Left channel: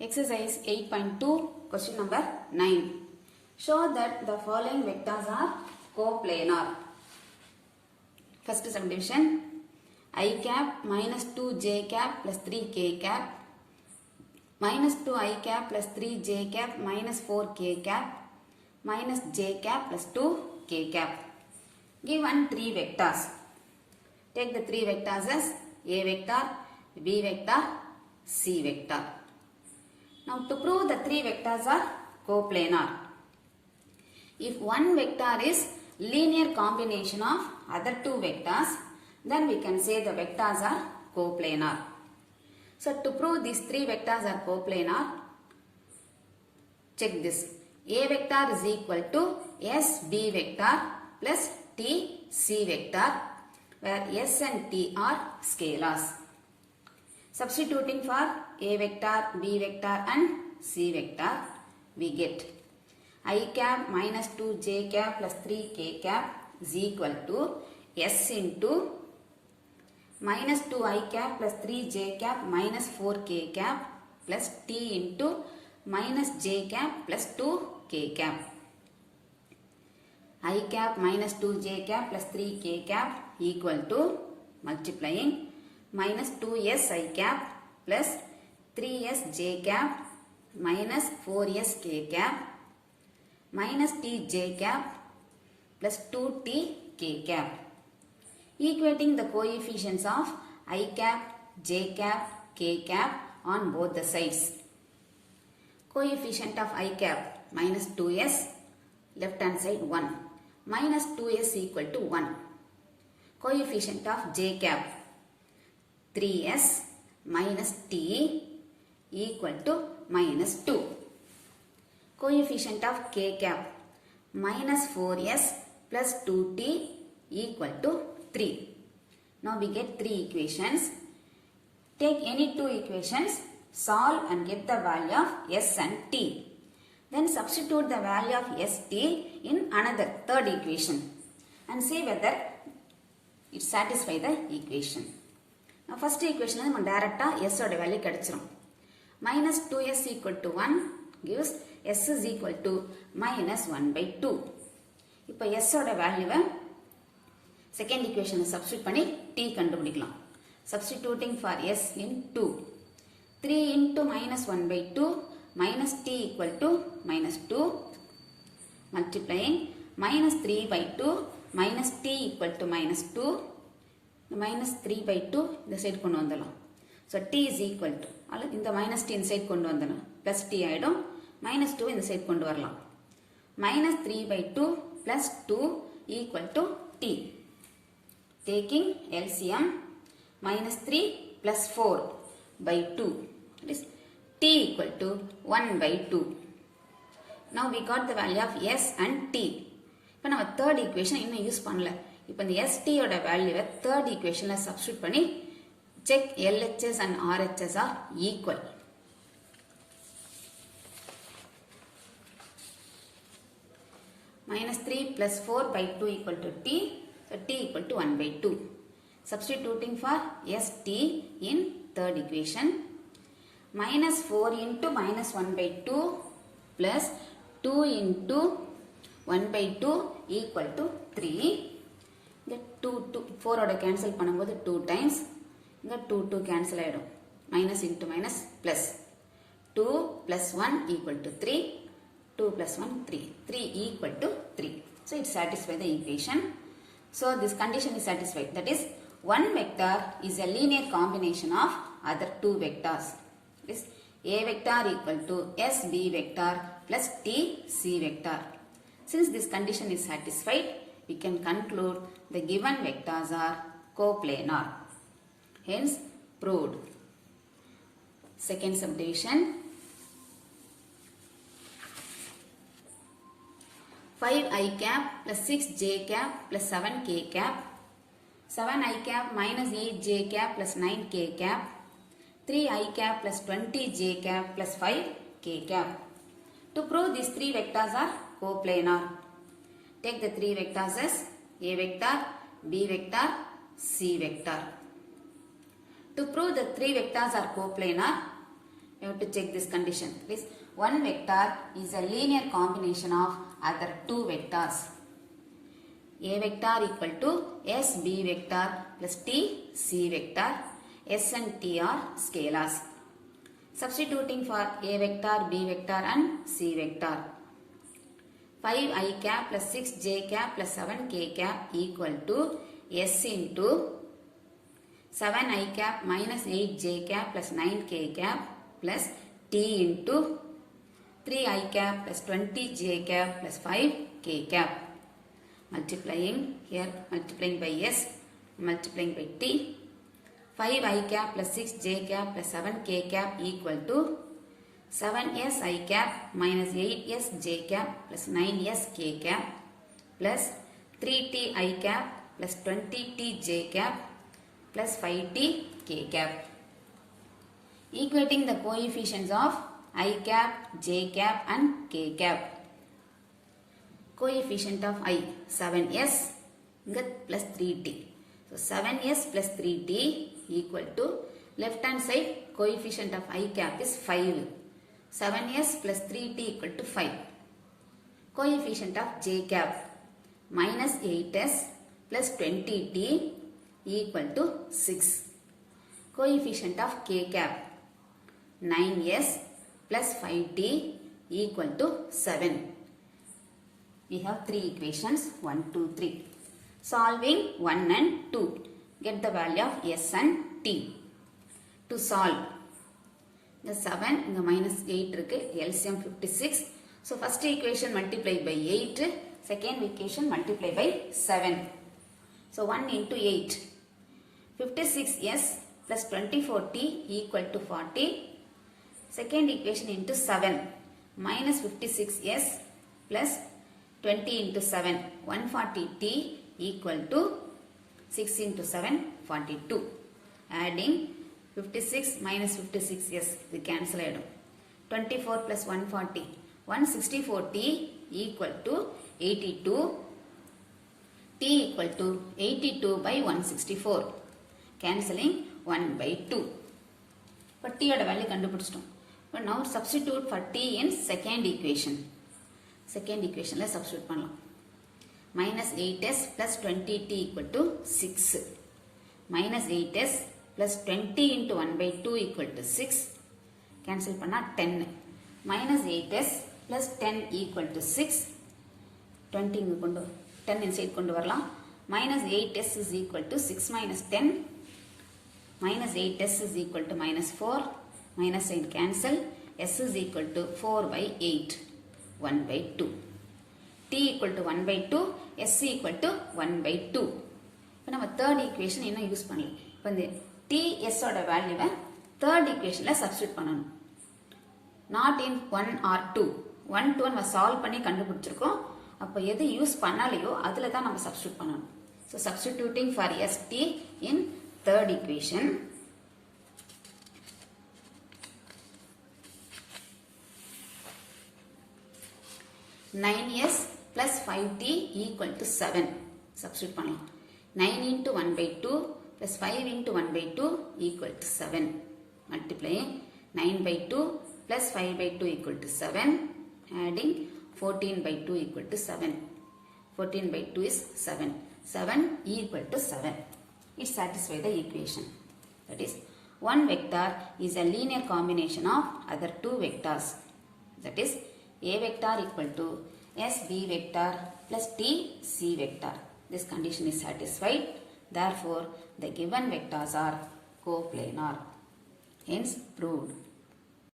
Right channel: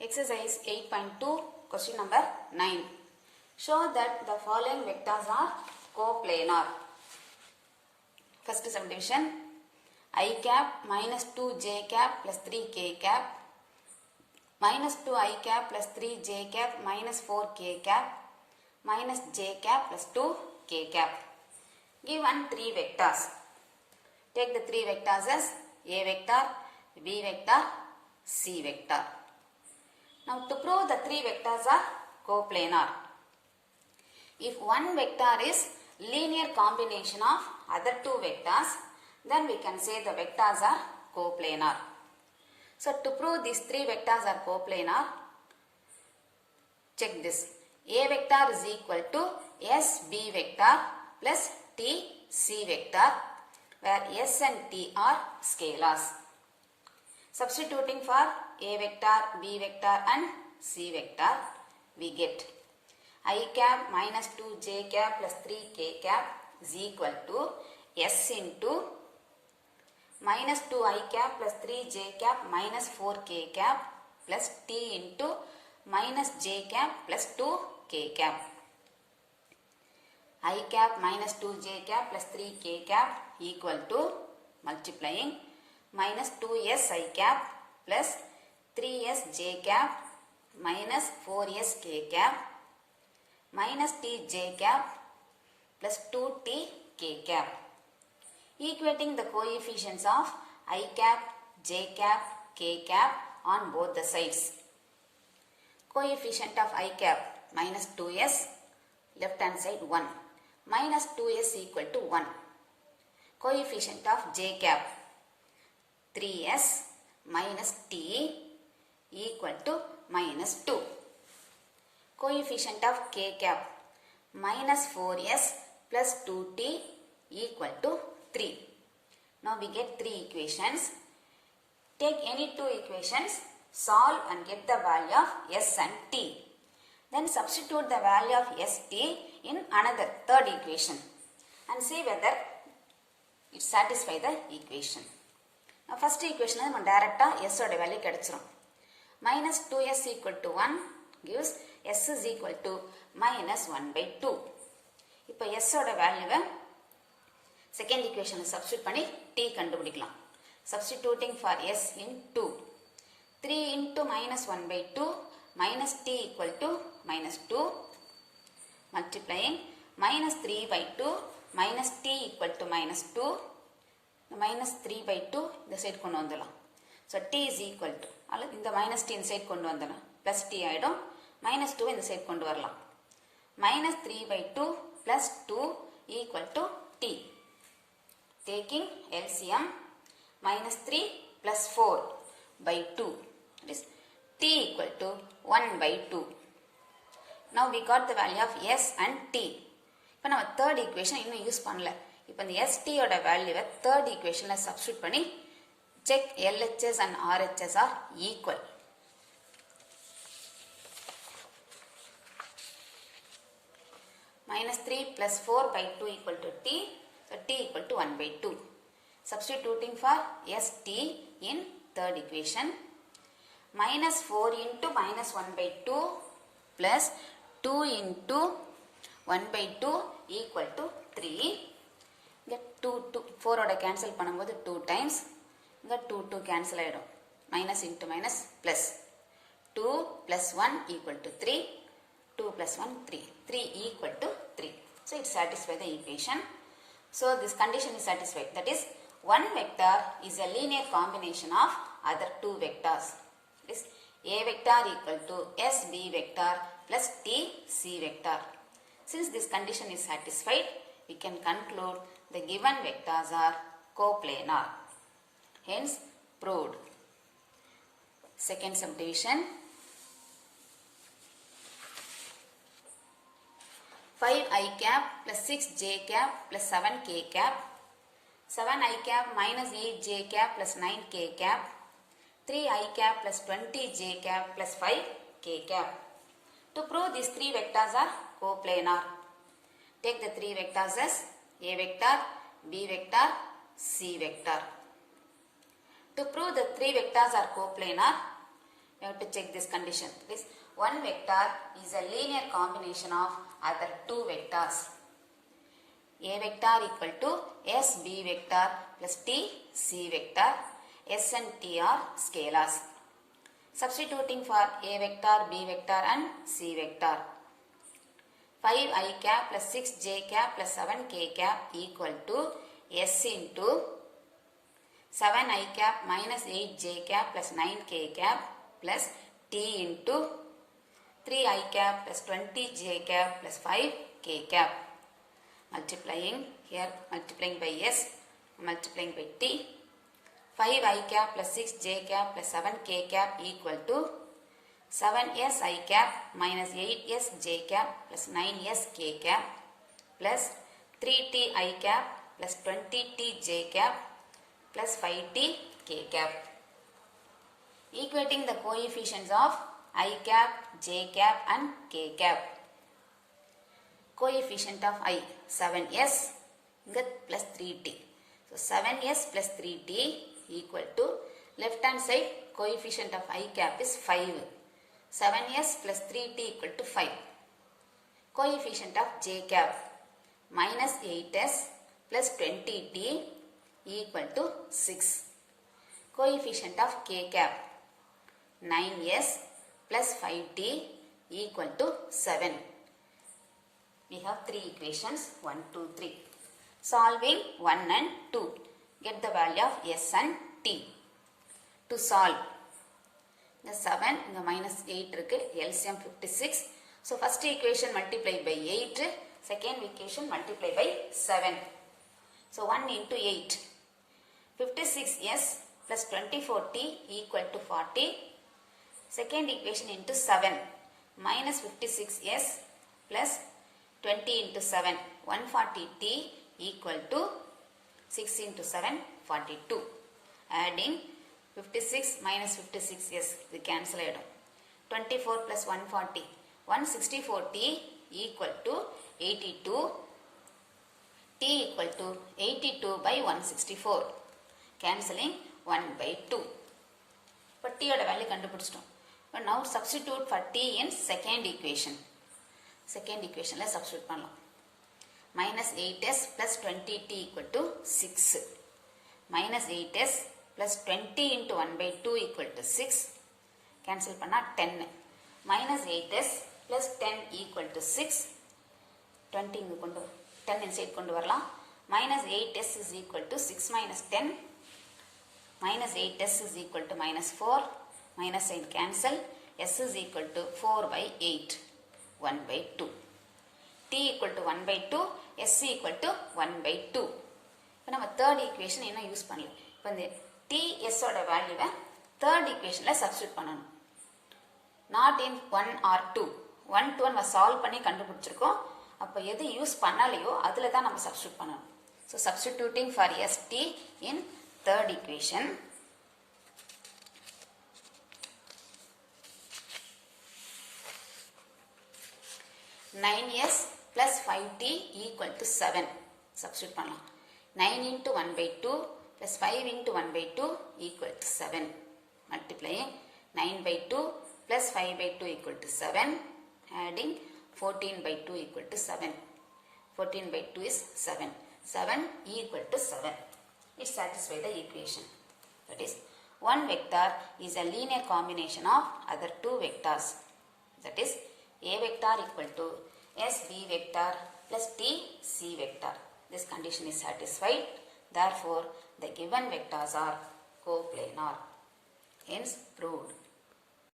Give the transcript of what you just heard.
Exercise 8.2, question number 9. Show that the following vectors are coplanar. First subdivision, I cap minus 2j cap plus 3k cap minus 2i cap plus 3j cap minus 4k cap minus j cap plus 2k cap. Given three vectors. Take the three vectors as A vector, B vector, C vector. Now to prove the three vectors are coplanar. If one vector is linear combination of other two vectors, then we can say the vectors are coplanar. So to prove these three vectors are coplanar, check this. A vector is equal to SB vector plus TC vector, where S and T are scalars. Substituting for A vector, B vector and C vector, we get I cap minus 2j cap plus 3k cap is equal to S into minus 2i cap plus 3j cap minus 4k cap plus T into minus j cap plus 2k cap. I cap minus 2j cap plus 3k cap equal to multiplying minus 2s I cap plus 3s j cap minus 4s k cap minus t j cap plus 2t k cap. Equating the coefficients of I cap, j cap, k cap on both the sides. Coefficient of I cap minus 2s, left hand side 1, minus 2s equal to 1. Coefficient of j cap 3s minus t equal to minus 2. Coefficient of k cap minus 4s plus 2t equal to 3. Now we get three equations. Take any two equations, solve and get the value of s and t. Then substitute the value of st in another third equation and see whether it satisfies the equation. Now first equation is direct s oda value kedichirum. Minus 2s equal to 1 gives s is equal to minus 1 by 2. இப்போ s oda value second equation substitute பண்ணி t கண்டுபிடிக்கலாம். Substituting for s in 2. 3 into minus 1 by 2 minus t equal to minus 2 multiplying minus 3 by 2 minus t equal to minus 2 minus 3 by 2 இந்த side கொண்டு வந்துடலாம். So t is equal to இந்த minus t இந்த side கொண்டு வந்துடலாம் plus t ஆயிடும் minus 2 இந்த side கொண்டு வரலாம் minus 3 by 2 plus 2 equal to t. Taking LCM minus 3 plus 4 by 2 that is t equal to 1 by 2. Now we got the value of s and t. இப்போ நம்ம third equation இன்னும் use பண்ணல. இப்போ இந்த st ஓட வேல்யூவை third equationல substitute பண்ணி check LHS and RHS are equal. Minus 3 plus 4 by 2 equal to t. So t equal to 1 by 2. Substituting for st in third equation. Minus 4 into minus 1 by 2 plus 2 into 1 by 2 equal to 3. The 4 oda cancel பண்ணும்போது 2 times. The 2 cancel ஆயிடும். Minus into minus plus. 2 plus 1 equal to 3. 2 plus 1 3. 3 equal to 3. So it satisfies the equation. So this condition is satisfied. That is, one vector is a linear combination of other two vectors. This A vector equal to SB vector plus TC vector. Since this condition is satisfied, we can conclude the given vectors are coplanar. Hence, proved. Second subdivision. 5i cap plus 6j cap plus 7k cap. 7i cap minus 8j cap plus 9k cap. 3i cap plus 20j cap plus 5k cap. To prove these three vectors are coplanar, take the three vectors as A vector, B vector, C vector. To prove the three vectors are coplanar, you you have to check this condition. This one vector is a linear combination of other two vectors. A vector equal to S B vector plus T C vector. S and T are scalars. Substituting for A vector, B vector and C vector. 5 I cap plus 6 J cap plus 7 K cap equal to S into 7 I cap minus 8 J cap plus 9 K cap plus T into 3 I cap plus 20 J cap plus 5 K cap. Multiplying here, multiplying by S, multiplying by T. 5 I cap plus 6 J cap plus 7 K cap equal to 7S I cap minus 8S J cap plus 9S K cap plus 3T I cap plus 20T J cap plus 5T K cap. Equating the coefficients of I cap, J cap and K cap. Coefficient of I 7S plus 3T. So 7S plus 3T equal to left hand side coefficient of I cap is 5. 7S plus 3T equal to 5. Coefficient of J cap minus 8S plus 20T equal to 6. Coefficient of K cap 9S plus 5T equal to 7. We have three equations 1, 2, 3. Solving 1 and 2. Get the value of S and T. To solve. The 7 the minus 8 LCM 56. So first equation multiply by 8. Second equation multiply by 7. So 1 into 8. 56S plus 24T equal to 40. Second equation into 7. Minus 56S plus 20 into 7. 140T equal to 6 into 7, 42. Adding 56 minus 56S, we cancel it. 24 plus 140. 164T equal to 82. T equal to 82 by 164. Cancelling 1 by 2. But T oda value kandupidichitom. But now substitute for T in second equation. Second equation la substitute pannalam. Minus 8S plus 20T equal to 6. Minus 8S plus 20 into 1 by 2 equal to 6. Cancel panna 10. Minus 8S plus 10 equal to 6. 20 10 inside kondu varalam. Minus 8S is equal to 6 minus 10. Minus 8S is equal to minus 4. Minus sign cancel. S is equal to 4 by 8. 1 by 2. T equal to 1 by 2. S equal to 1 by 2. இப்போ நம்ம third equation என்ன use பண்ணலாம். இப்போ இந்த TS ஓட வேல்யூவை third equationல substitute பண்ணணும். Not in 1 or 2. 1 to 1 நம்ம சால்வ் பண்ணி கண்டுபிடிச்சிருக்கோம். அப்போ எது யூஸ் பண்ணலையோ அதில் தான் நம்ம substitute பண்ணணும். So substituting for ST in third equation. (9s plus 5t equal to 7. Substitute பண்ணலாம். 9 into 1 by 2 plus 5 into 1 by 2 equal to 7. Multiplying 9 by 2 plus 5 by 2 equal to 7. Adding 14 by 2 equal to 7. 14 by 2 is 7. 7 equal to 7. It satisfies the equation. That is, one vector is a linear combination of other two vectors. That is, A vector equal to SB vector plus TC vector. This condition is satisfied. Therefore, the given vectors are coplanar. Hence, proved.